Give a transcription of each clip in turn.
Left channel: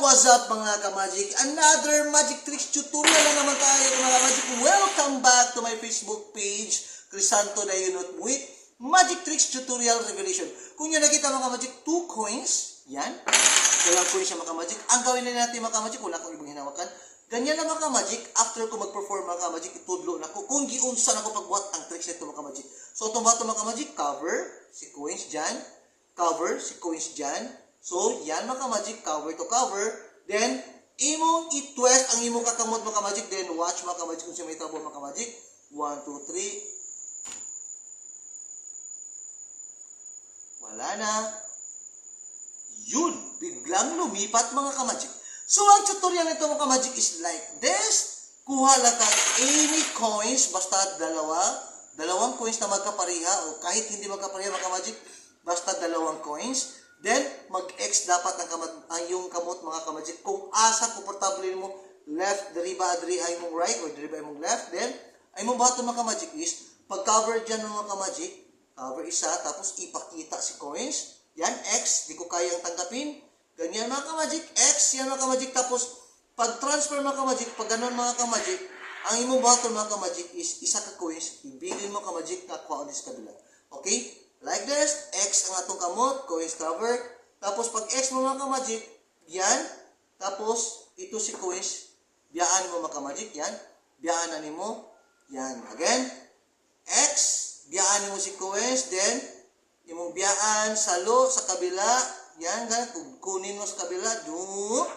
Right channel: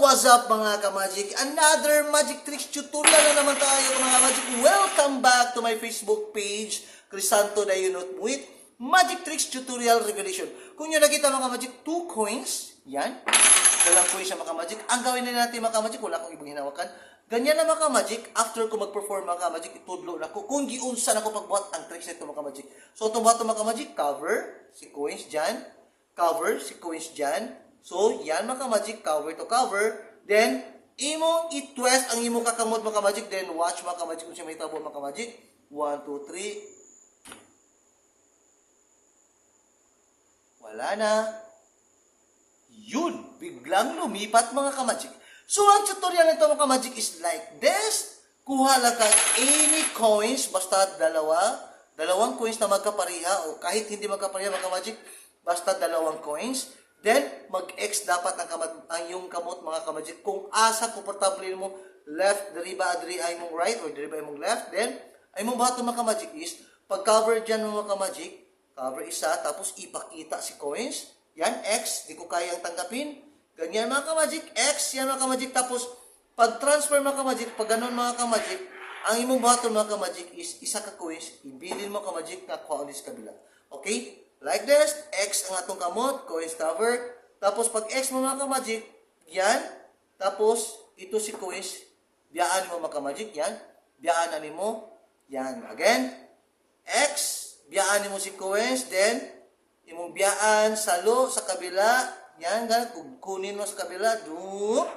what's up mga ka-magic? Another magic tricks tutorial na naman tayo mga ka-magic. Welcome back to my Facebook page, Crisanto Dayunot with Magic Tricks Tutorial Revelation. Kung nyo nakita mga ka-magic, two coins, yan. Walang coins siya mga ka-magic. Ang gawin na natin mga ka-magic, wala akong ibang hinawakan. Ganyan na mga ka-magic, after ko mag-perform mga ka-magic, itudlo na ko. Kung giunsa na pagbuhat ang tricks nito mga ka-magic. So, bato mga ka-magic, cover, si coins dyan, cover, si coins dyan. So, yan mga ka-magic, cover to cover. Then, imo i-twist ang imo kakamot mga ka-magic. Then, watch mga ka-magic kung siya may tabo mga ka-magic. 1, 2, 3. Wala na. Yun, biglang lumipat mga ka-magic. So, ang tutorial nito mga ka-magic is like this. Kuha lang ka any coins, basta dalawa. Dalawang coins na magkapariha o kahit hindi magkapariha mga ka-magic, basta dalawang coins. Then, mag-X dapat ang, kamat, ang yung kamot mga ka-magic. Kung asa, komportable mo, left, deriba, adri ay mong right, or deriba ay mong left. Then, ay mong bato mga ka-magic is, pag-cover dyan mga ka-magic, cover isa, tapos ipakita si coins. Yan, X, di ko kayang tanggapin. Ganyan mga ka-magic, X, yan mga ka-magic. Tapos, pag-transfer mga ka-magic, pag ganun mga ka-magic, ang imong bato mga ka-magic is isa ka coins, ibilin mo ka-magic na kuha sa kabila. Okay? Like this, X ang atong kamot, coins covered. Tapos pag X mo mga ka-magic, yan. Tapos, ito si coins, biyaan mo mga ka-magic, yan. Biyaan na mo, yan. Again, X, biyaan mo si coins, then, imong biyaan sa lo, sa kabila, yan, ganun, kunin mo sa kabila, do,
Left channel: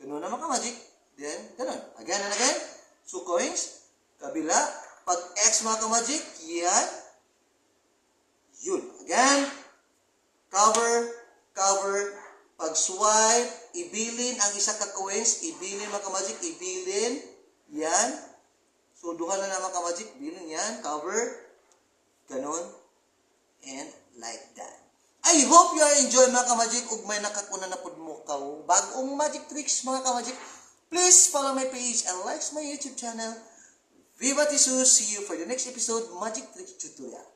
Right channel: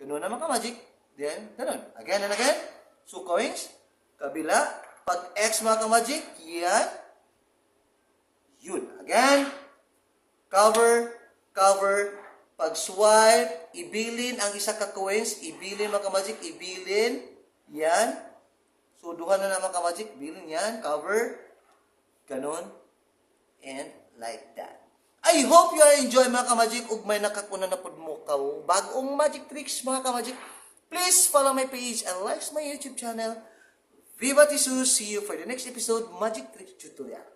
ganun naman ka magic, then, ganun, again and again, so coins, kabila, pag X mga ka magic, yan, yun, again, cover, cover, pag swipe, ibilin ang isa ka coins, ibilin mga ka magic, ibilin, yan, so duha na naman ka magic, bilin yan, cover, ganun, and like that. I hope you are enjoy mga ka-magic ug may nakakuna na pud mo ka bagong magic tricks mga ka-magic. Please follow my page and like my YouTube channel. Viva Tisus! See you for the next episode Magic Tricks Tutorial.